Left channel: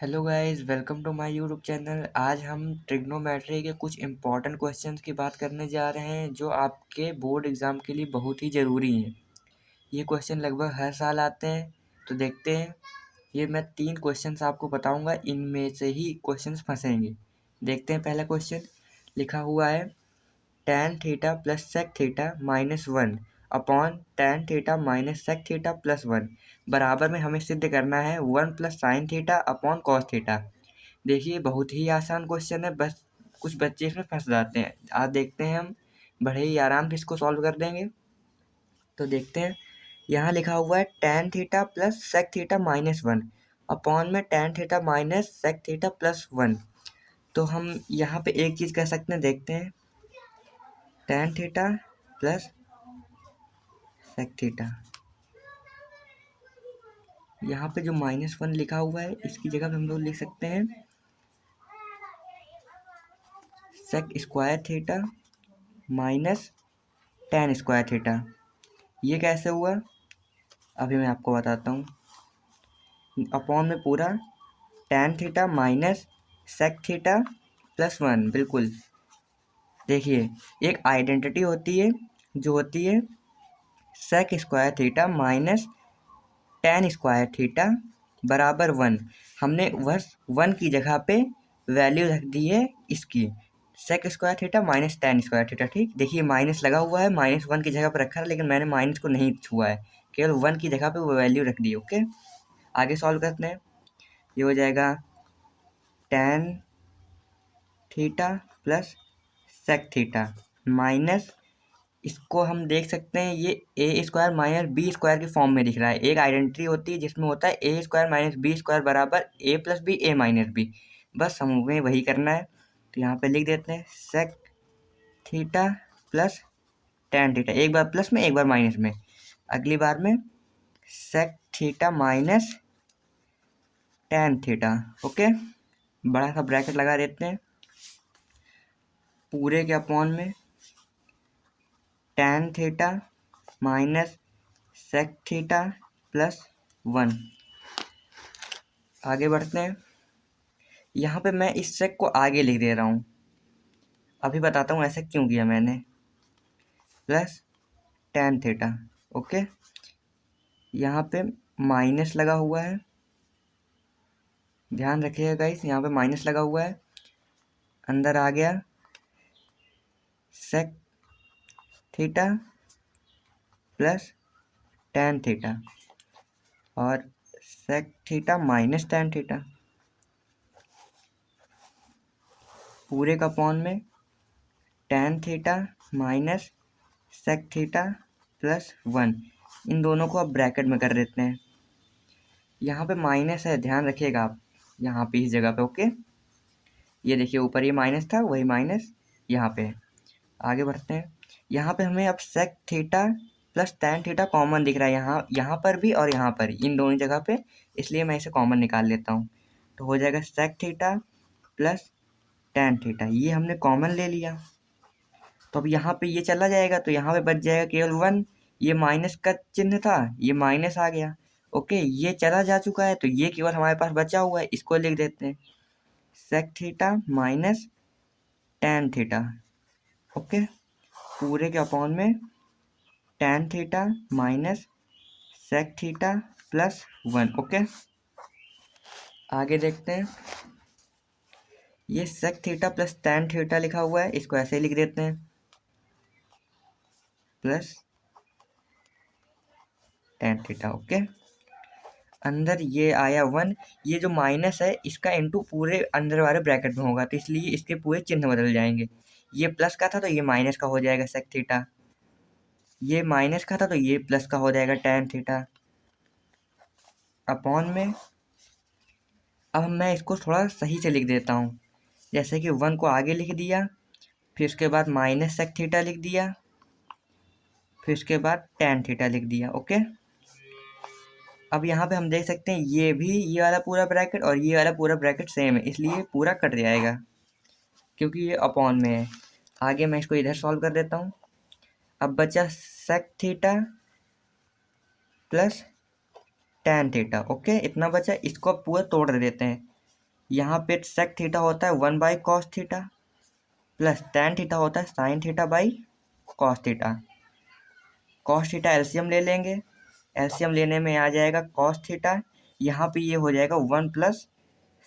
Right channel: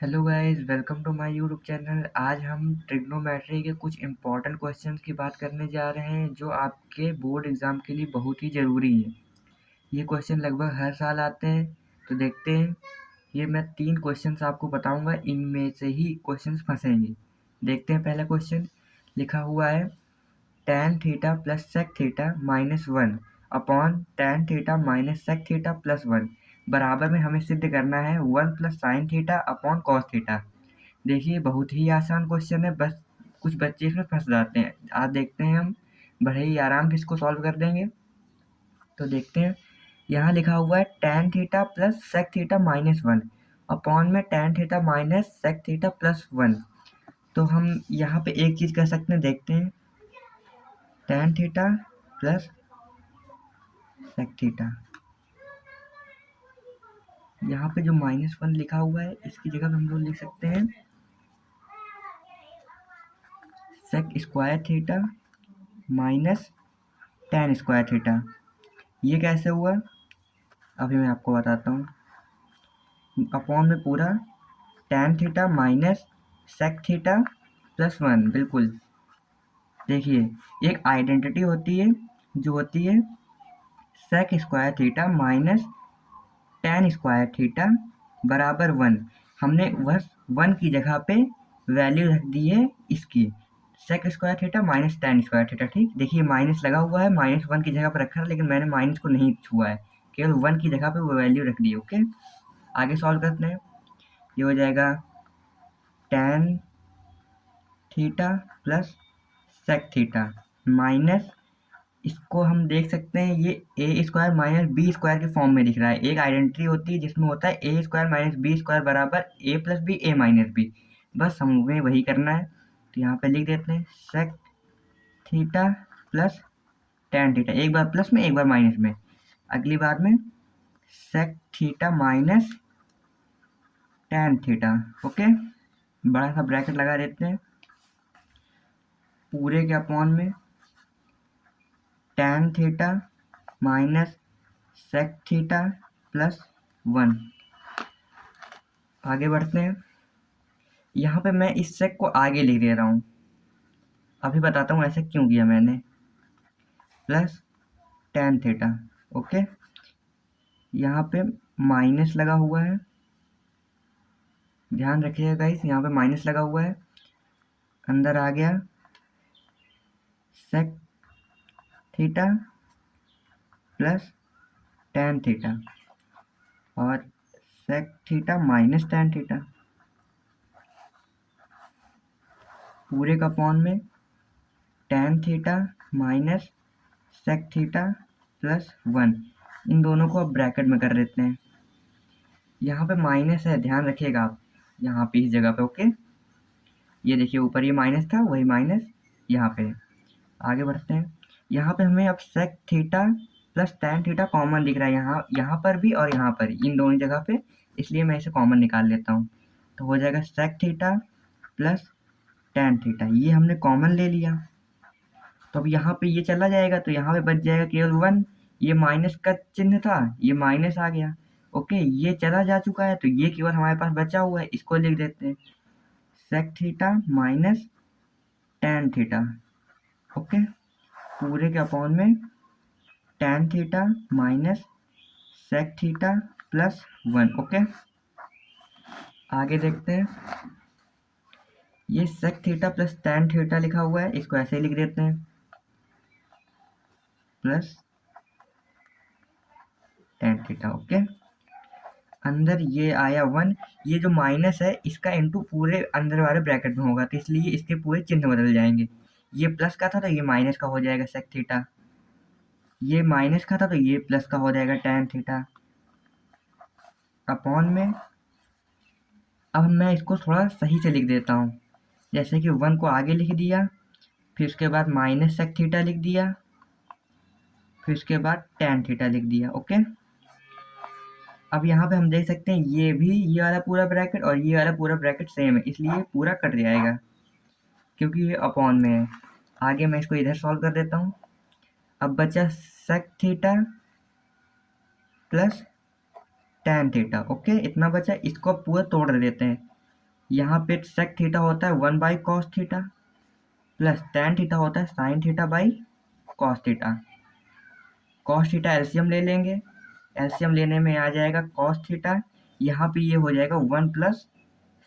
Hello guys, welcome to my YouTube channel. आज हम trigonometry के कुछ इम्पॉर्टेंट क्वेश्चंस की बात करने जा रहे हैं जो आपके बोर्ड एग्ज़ाम के लिए बहुत ही ज़रूरी हैं। ये क्वेश्चन लगभग हर साल आते हैं, तो देखते हैं। ये मैं 3 क्वेश्चंस आपको बताऊंगा, इनमें से ही क्वेश्चंस फंसेंगे। देखते हैं। पहला क्वेश्चन लिखा हुआ है tan theta plus sec theta minus 1 upon tan theta minus sec theta plus 1 बराबर में हमें सिद्ध करना है 1 plus sine theta upon cos theta. देखिए, बहुत ही आसान क्वेश्चन है, बस कुछ बच्चे इसमें फंस जाते हैं। आज देखते हैं, हम बड़े ही आराम से इसको सॉल्व कर देंगे। तो देखते हैं। यहाँ लिखा हुआ है tan theta plus sec theta minus 1 upon में tan theta minus sec theta plus 1। तो हम यहाँ पे एक चीज़ कर सकते हैं, देखते हैं। tan theta plus sec theta, यहाँ पे जो -1 लिखा हुआ है इसकी जगह पे हम लोग लिख सकते हैं sec square theta minus tan square theta. ये कैसे हुआ, अभी मैं आपको बताता हूँ। अपॉन में पूरा tan theta minus sec theta plus 1, बिल्कुल। देखिए, एक आइडेंटिटी होती है जो होती है sec square theta minus tan square theta बराबर 1। हमने बस 1 की जगह पे वैल्यू रख दी है इसकी, sec square theta minus tan square theta. ठीक, देखिए माइनस लगा हुआ है, -1 की जगह पर रखा है, लेकिन मैंने माइनस को नहीं छुआ है, केवल 1 की जगह पे वो वैल्यू रख दी। ओके, आगे सॉल्व करते हैं। ये हो जाएगा tan theta plus sec theta minus, इसको हम देख सकते हैं, ये A square minus B square के फॉर्म में दिख रहा है। एक आइडेंटिटी होती है जिसमें होता है ए स्क्वायर माइनस बी स्क्वायर बराबर ए प्लस बी ए माइनस बी। बस हमें वही करना है। तो यहाँ पे लिख देते हैं sec theta plus tan theta, एक बार प्लस में एक बार माइनस में, अगली बार में sec theta minus tan theta. Okay, बड़ा सा ब्रैकेट लगा देते हैं, पूरे के अपॉन में tan theta minus sec theta plus 1। आगे बढ़ते हैं। यहाँ पे मैं इस सेक को आगे लिख दे रहा हूँ, अभी बताता हूँ ऐसा क्यों किया मैंने। Plus tan theta. ओके, यहाँ पे माइनस लगा हुआ है, ध्यान रखिएगा गाइस, यहाँ पे माइनस लगा हुआ है। अंदर आ गया sec theta plus tan theta और sec theta minus tan theta, पूरे का अपॉन में tan theta minus sec theta plus 1। इन दोनों को अब ब्रैकेट में कर देते हैं। यहाँ पे माइनस है, ध्यान रखिएगा आप, यहाँ पे इस जगह पे। ओके, ये देखिए ऊपर ये माइनस था, वही माइनस यहाँ पे। आगे बढ़ते हैं। यहाँ पे हमें अब sec theta plus tan theta common दिख रहा है, यहाँ पर भी और यहाँ पर, इन दोनों जगह पे, इसलिए मैं इसे कॉमन निकाल लेता हूँ। तो हो जाएगा sec theta plus tan theta, ये हमने कॉमन ले लिया। तो अब यहाँ पे ये चला जाएगा, तो यहाँ पे बच जाएगा केवल 1। ये माइनस का चिन्ह था, ये माइनस आ गया। ओके, ये चला जा चुका है, तो ये केवल हमारे पास बचा हुआ है, इसको लिख देते हैं sec theta minus tan theta. Okay, पूरे के अपॉन में tan theta minus sec theta plus 1। Okay, आगे देखते हैं। ये sec theta plus tan theta लिखा हुआ है, इसको ऐसे लिख देते हैं प्लस tan थीटा। ओके, अंदर ये आया 1, ये जो माइनस है इसका इंटू पूरे अंदर वाले ब्रैकेट में होगा, तो इसलिए इसके पूरे चिन्ह बदल जाएंगे। ये प्लस का था तो ये माइनस का हो जाएगा सेक थीटा, ये माइनस का था तो ये प्लस का हो जाएगा tan थीटा अपॉन में। अब मैं इसको थोड़ा सही से लिख देता हूँ, जैसे कि 1 को आगे लिख दिया, फिर उसके बाद माइनस सेक थीटा लिख दिया, फिर उसके बाद tan थीटा लिख दिया। ओके, अब यहाँ पे हम देख सकते हैं ये भी, ये वाला पूरा ब्रैकेट और ये वाला पूरा ब्रैकेट सेम है, इसलिए पूरा कट जाएगा क्योंकि ये अपॉन में है। आगे मैं इसको इधर सॉल्व कर देता हूँ। अब बचा sec theta plus tan theta. Okay, इतना बचा, इसको अब पूरा तोड़ देते हैं। यहाँ पे सेक थीटा होता है 1/cos theta plus tan theta होता है sin theta theta. cos theta LCM ले लेंगे, एलसीएम लेने में आ जाएगा cos थीटा, यहाँ पे ये हो जाएगा 1 प्लस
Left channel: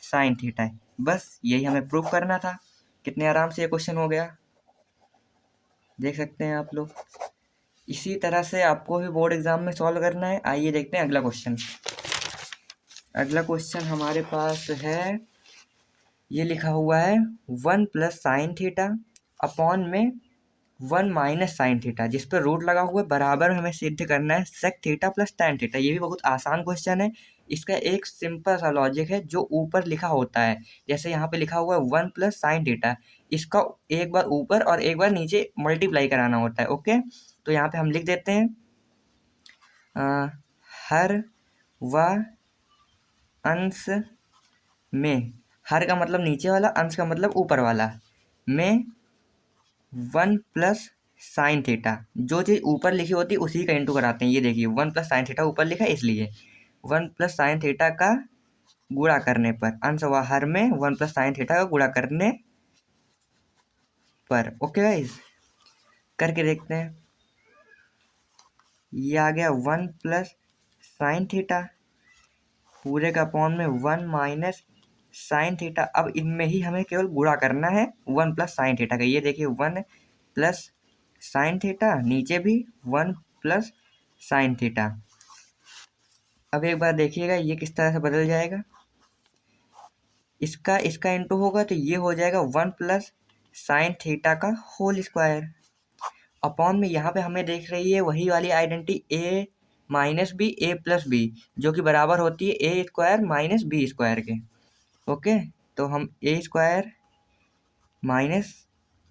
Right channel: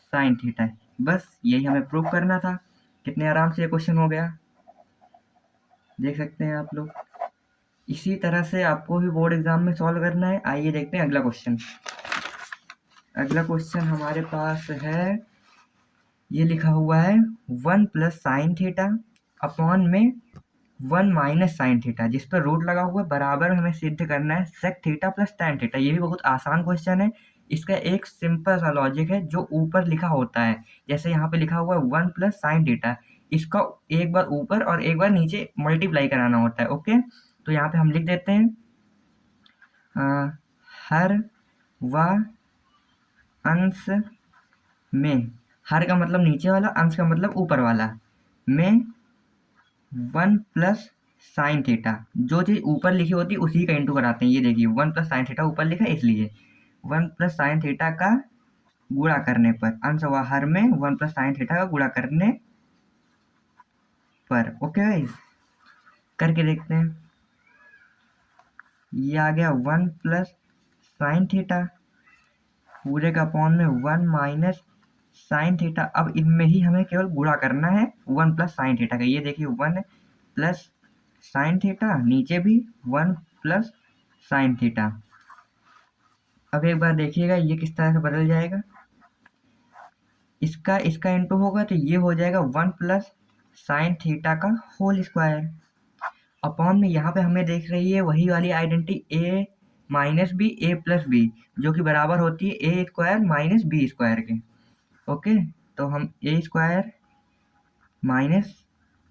sin थीटा। बस यही हमें प्रूव करना था। कितने आराम से ये क्वेश्चन हो गया, देख सकते हैं आप लोग। इसी तरह से आपको भी बोर्ड एग्जाम में सॉल्व करना है। आइए देखते हैं अगला क्वेश्चन। अगला क्वेश्चन हमारे पास है, ये लिखा हुआ है 1 प्लस साइन थीटा अपॉन में 1 माइनस साइन थीटा, जिस पर रूट लगा हुआ है, बराबर हमें सिद्ध करना है sec theta plus tan theta. ये भी बहुत आसान क्वेश्चन है। इसका एक सिंपल सा लॉजिक है जो ऊपर लिखा होता है। जैसे यहाँ पे लिखा हुआ है 1 प्लस साइन थीटा, इसका एक बार ऊपर और एक बार नीचे मल्टीप्लाई कराना होता है। ओके, तो यहाँ पे हम लिख देते हैं हर व अंश में, हर का मतलब नीचे वाला, अंश का मतलब ऊपर वाला, में 1 प्लस साइन थीटा। जो चीज़ ऊपर लिखी होती है उसी का इंटू कराते हैं। ये देखिए 1 प्लस साइन थीटा ऊपर लिखा है, इसलिए 1 प्लस साइन थीटा का गुणा करने पर, अंश व हर में 1 प्लस साइन थीटा का गुणा करने पर। ओके गाइस, करके देखते हैं। ये आ गया 1 प्लस साइन थीटा पूरे का अपॉन में 1 माइनस साइन थीटा। अब इनमें ही हमें केवल गुणा करना है 1 प्लस साइन थीटा का। ये देखिए 1 प्लस साइन थीटा, नीचे भी 1 प्लस साइन थीटा। अब एक बार देखिएगा ये किस तरह से बदल जाएगा। इसका इसका इंटू होगा तो ये हो जाएगा 1 प्लस साइन थीटा का होल स्क्वायर अपॉन में, यहाँ पे हमें देख रही है वही वाली आइडेंटिटी ए माइनस बी ए प्लस बी, जो कि बराबर होती है ए स्क्वायर माइनस बी स्क्वायर के। ओके, तो हम ए स्क्वायर माइनस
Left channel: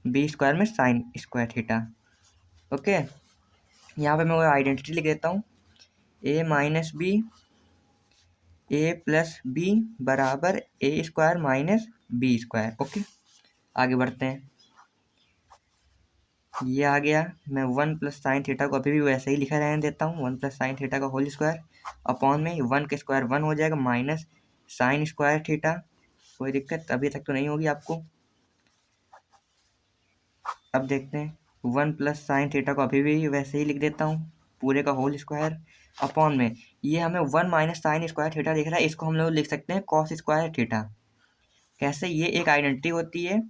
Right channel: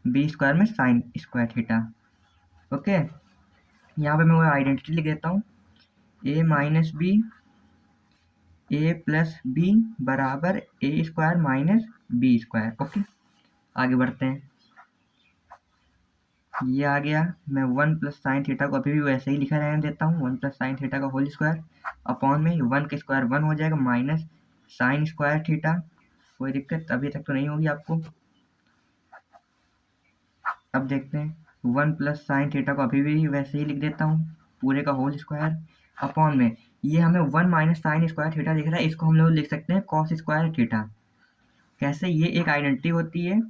बी स्क्वायर में साइन स्क्वायर थीटा। ओके, यहाँ पे मैं वो आइडेंटिटी लिख देता हूँ, ए माइनस बी ए प्लस बी बराबर ए square minus B square. Okay, आगे बढ़ते हैं। ये आ गया। मैं 1 प्लस साइन थीटा को अभी भी वैसे ही लिखा रहने देता हूँ, 1 प्लस साइन थीटा का होल स्क्वायर अपॉन में 1 का स्क्वायर 1 हो जाएगा माइनस साइन स्क्वायर थीटा। कोई दिक्कत अभी तक तो नहीं होगी आपको। अब देखते हैं 1 प्लस साइन थीटा को अभी भी वैसे ही लिख देता हूँ, पूरे का होल स्क्वायर अपॉन में, ये हमें 1 माइनस साइन स्क्वायर थीटा दिख रहा है, इसको हम लोग लिख सकते हैं कॉस स्क्वायर थीटा। कैसे, ये एक आइडेंटिटी होती है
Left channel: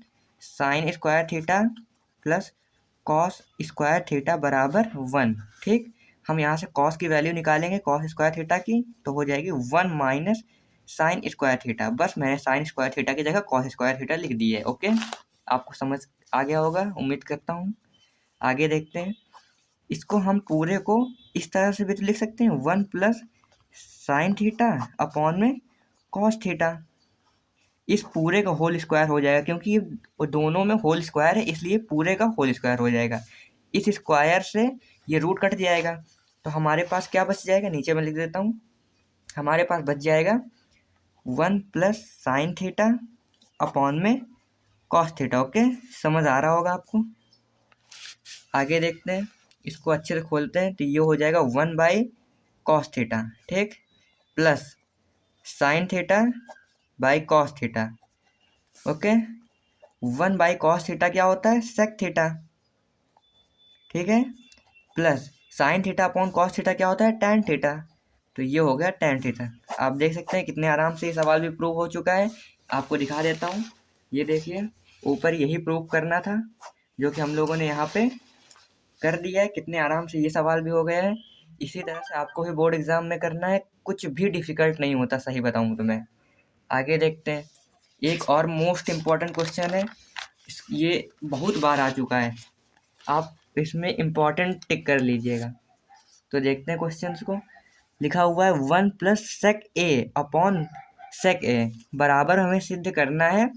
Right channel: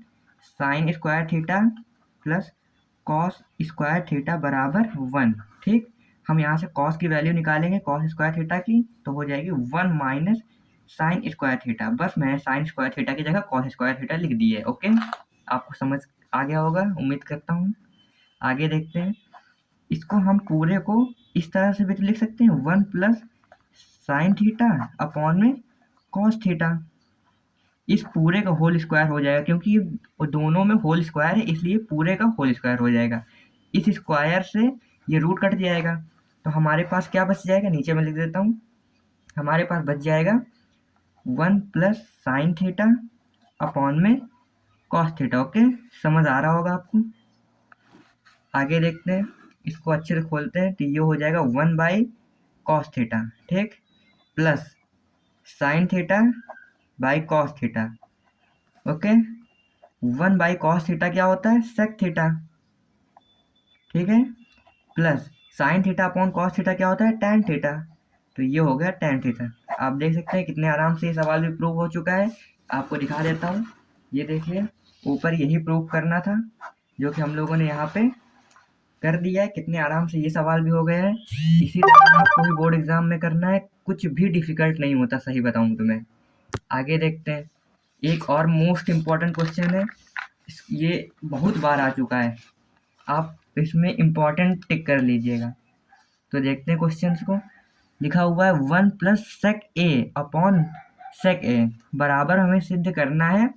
sine square theta plus cos square theta बराबर 1। ठीक, हम यहाँ से कॉस की वैल्यू निकालेंगे कॉस स्क्वायर थीटा की, तो हो जाएगी 1 माइनस साइन स्क्वायर थीटा। बस मैंने साइन स्क्वायर थीटा की जगह कॉस स्क्वायर थीटा लिख दी है। ओके, आपको समझ आ गया होगा उम्मीद करता हूँ। आगे देखते हैं। इसको हम पूरे को इस तरह से भी तो लिख सकते हैं 1 प्लस साइन थीटा अपॉन में कॉस थीटा। इस पूरे का होल स्क्वायर हो जाएगा, क्योंकि ये दोनों में होल स्क्वायर है, इसलिए पूरे का होल स्क्वायर हो जाएगा। इस स्क्वायर से ये रूट कट जाएगा, तो हमारे पास क्या बच जाएगा, नीचे मैं लिख देता हूँ, हमारे पास बच जाएगा 1 प्लस साइन थीटा अपॉन में कॉस थीटा। ओके, समझ आ रहा होगा आपको। आगे देखते हैं, इसको अच्छे से खोलते हैं, तो ये हो जाएगा 1 बाई कॉस थीटा, ठीक, plus sine theta by cos theta. Okay, 1 by cos theta क्या होता है, सेक थीटा, ठीक है, plus sine theta upon cos theta क्या होता है, टैन थीटा। तो ये हो गया टैन थीटा। आप देख सकते हैं कितने आराम से ये सवाल भी प्रूव हो चुका है। आपको दिखा देता हूँ, ये देखिए ऊपर यही प्रूव करना था जो कि हम लोगों ने यहाँ पे कर दिया है। कितने आराम से ये सवाल भी हो गया है। इसी तरह से आपको भी बोर्ड एग्जाम में करना है, कुछ भी डिफिकल्ट नहीं होता, सही बताऊँ तो मैं। आगे देखते हैं, एक और मोस्ट इम्पॉर्टेंट क्वेश्चन है, ये बहुत बार आ चुका है, आप इसमें इम्पॉर्टेंट टिक कर लीजिएगा। तो देखते हैं क्वेश्चंस को। लिखा हुआ है 1 प्लस सेक ए अपॉन सेक ए बराबर हमें सिद्ध करना है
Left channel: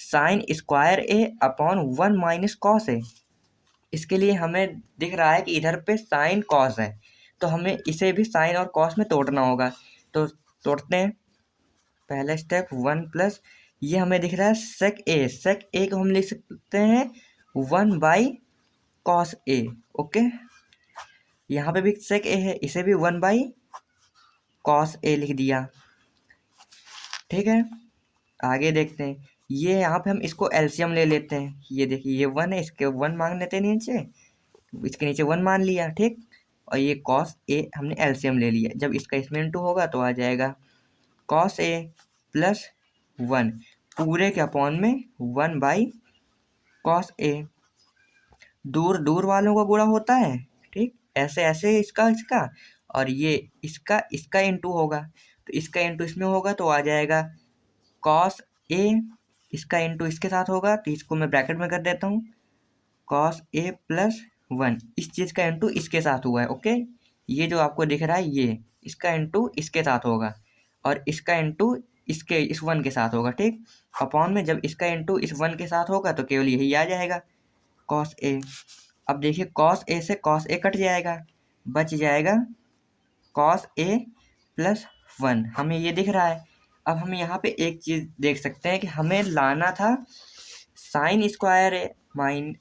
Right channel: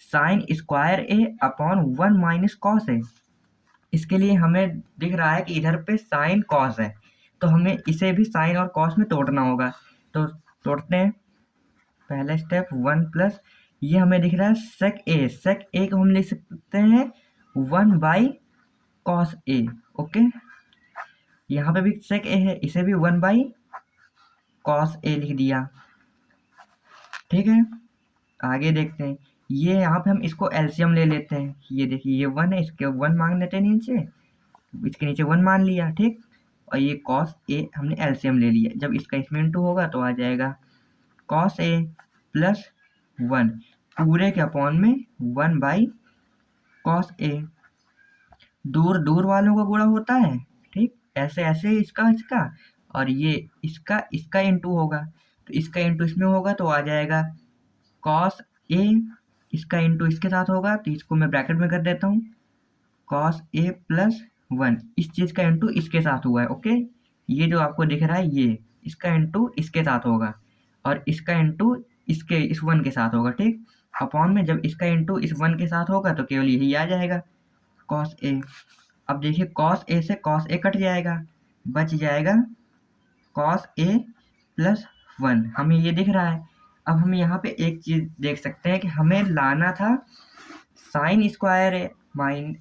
sine square A upon 1 minus cos A. इसके लिए हमें दिख रहा है कि इधर पे साइन कॉस है, तो हमें इसे भी साइन और कॉस में तोड़ना होगा। तो तोड़ते हैं। पहला स्टेप 1 प्लस, ये हमें दिख रहा है सेक ए को हम लिख सकते हैं 1 बाई कॉस ए। ओके, यहाँ पे भी सेक ए है, इसे भी 1 बाई कॉस ए लिख दिया, ठीक है। आगे देखते हैं। ये यहाँ पे हम इसको एलसीएम ले लेते हैं। ये देखिए ये 1 है, इसके 1 मान लेते हैं नीचे, इसके नीचे 1 मान लिया, ठीक। और ये कॉस ए हमने एलसीएम ले लिया। जब इसका इसमें इंटू होगा तो आ जाएगा कॉस ए प्लस 1 पूरे के अपॉन में 1 बाई कॉस ए। दूर दूर वालों का गुणा होता है, ठीक। ऐसे ऐसे इसका इसका और ये इसका इंटू होगा, तो इसका इंटू इसमें होगा तो आ जाएगा कॉस ए। इसका इंटू इसके साथ होगा तो इसको मैं ब्रैकेट में कर देता हूँ, कॉस ए प्लस 1। इस चीज़ का इंटू इसके साथ हुआ है, ओके। ये जो आपको दिख रहा है ये इसका इंटू इसके साथ होगा और इसका इंटू इस 1 के साथ होगा, ठीक। अपॉन में जब इसका इंटू इस 1 के साथ होगा तो केवल यही आ जाएगा कॉस ए। अब देखिए कॉस ए से कॉस ए कट जाएगा, बच जाएगा कॉस ए प्लस 1। हमें ये दिख रहा है। अब हम यहाँ पे एक चीज़ देख सकते हैं कि हमें लाना था साइन स्क्वायर ए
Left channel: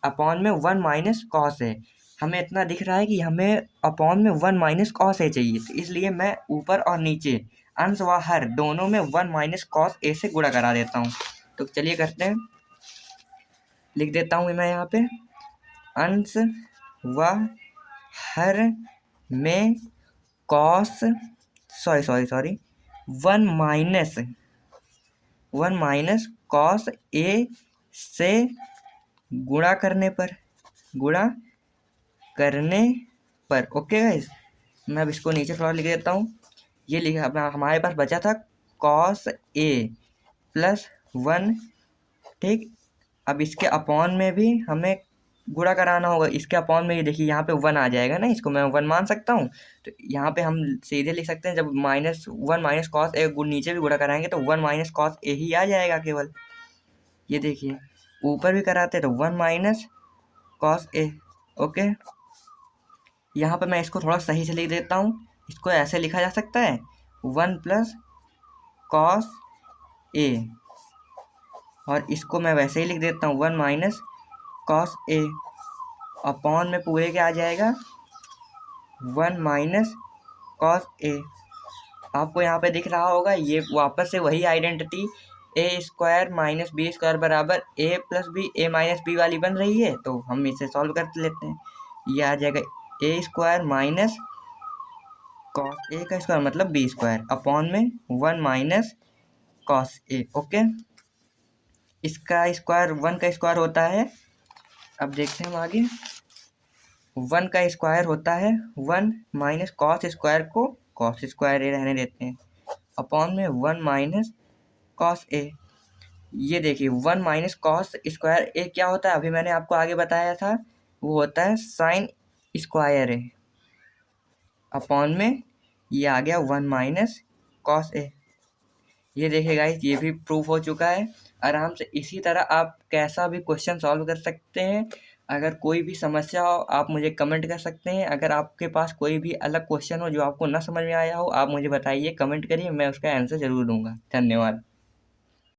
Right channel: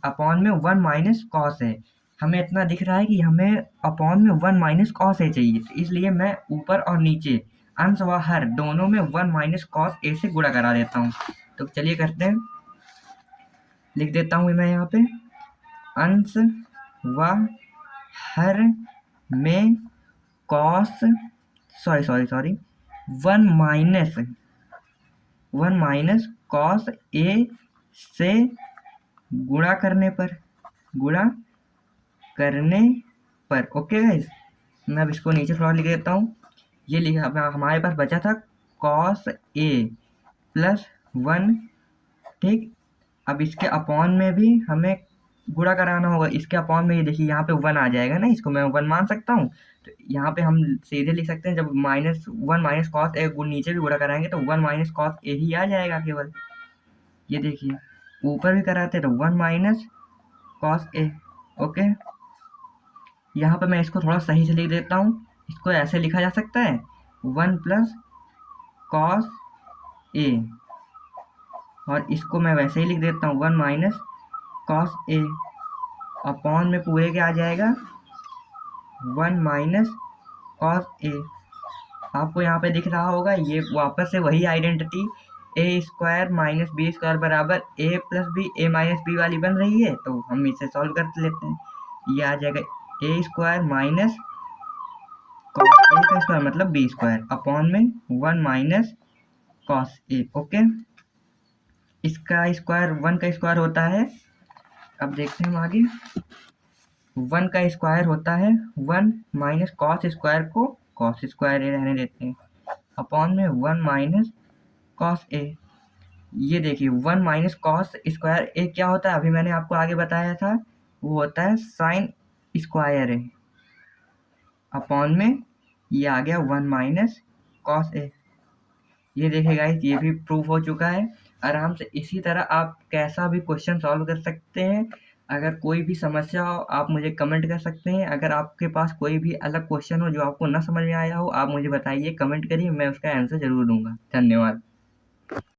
अपॉन में 1 माइनस कॉस ए। हमें इतना दिख रहा है कि हमें अपॉन में 1 माइनस कॉस ए चाहिए, तो इसलिए मैं ऊपर और नीचे अंश व हर दोनों में 1 माइनस कॉस ए से गुणा करा देता हूँ। तो चलिए करते हैं, लिख देता हूँ मैं यहाँ पे अंश व हर में कॉस 1 माइनस कॉस ए से गुणा करने पर ओके गाइस। मैं अब इसको नीचे थोड़ा लिख देता हूँ। ये लिखा हमारे पास बचा था कॉस ए प्लस 1, ठीक। अब इसके अपॉन में भी हमें गुणा कराना होगा। इसके अपॉन में ये देखिए यहाँ पे 1 आ जाएगा ना, इसको मैं 1 मान सकता हूँ। तो यहाँ पे हम सीधे लिख सकते हैं जब -1 माइनस कॉस ए नीचे भी गुणा कराएंगे तो 1 माइनस कॉस ए ही आ जाएगा केवल। ये देखिए ऊपर भी कराते तो 1 माइनस कॉस ए, ओके। यहाँ पे मैं इसको थोड़ा सही से लिख देता हूँ। इसको ऐसे लिखा जा सकता है 1 प्लस कॉस ए, और इसको मैं वैसे ही लिख देता हूँ 1 माइनस कॉस ए। अपॉन में पूरे के आ जाएगा 1 माइनस कॉस ए। आपको यहाँ पे दिख रहा होगा ये वापस से वही आइडेंटिटी ए स्क्वायर माइनस बी स्क्वायर बराबर ए प्लस बी ए माइनस बी वाली बन रही है। तो हम इसे सॉल्व कर लेते हैं। ये आ जाएगा ए स्क्वायर माइनस कॉस ए का स्क्वायर मतलब बी स्क्वायर अपॉन में 1 माइनस कॉस ए, ओके। इसका स्क्वायर 1 का स्क्वायर होता है, अब देखते हैं हम आगे। 1 का स्क्वायर होता है 1 माइनस कॉस स्क्वायर को कॉस स्क्वायर ए रहने देते हैं अपॉन में 1 माइनस कॉस ए। ये देखिए 1 माइनस कॉस स्क्वायर ए क्या होता है, अभी मैंने आपको आगे बताया था, वो होता है साइन स्क्वायर ए अपॉन में ये आ गया 1 माइनस कॉस ए। ये देखिए गाइस ये भी प्रूफ हो चुका है आराम से। इसी तरह आप कैसा भी क्वेश्चन सॉल्व कर सकते हैं। अगर कोई भी समस्या हो आप मुझे कमेंट कर सकते हैं। अगर आपके पास कोई भी अलग क्वेश्चन हो जो आपको ना समझ में आया हो आप मुझे बताइए, कमेंट करिए, मैं उसका आंसर ज़रूर दूंगा। धन्यवाद।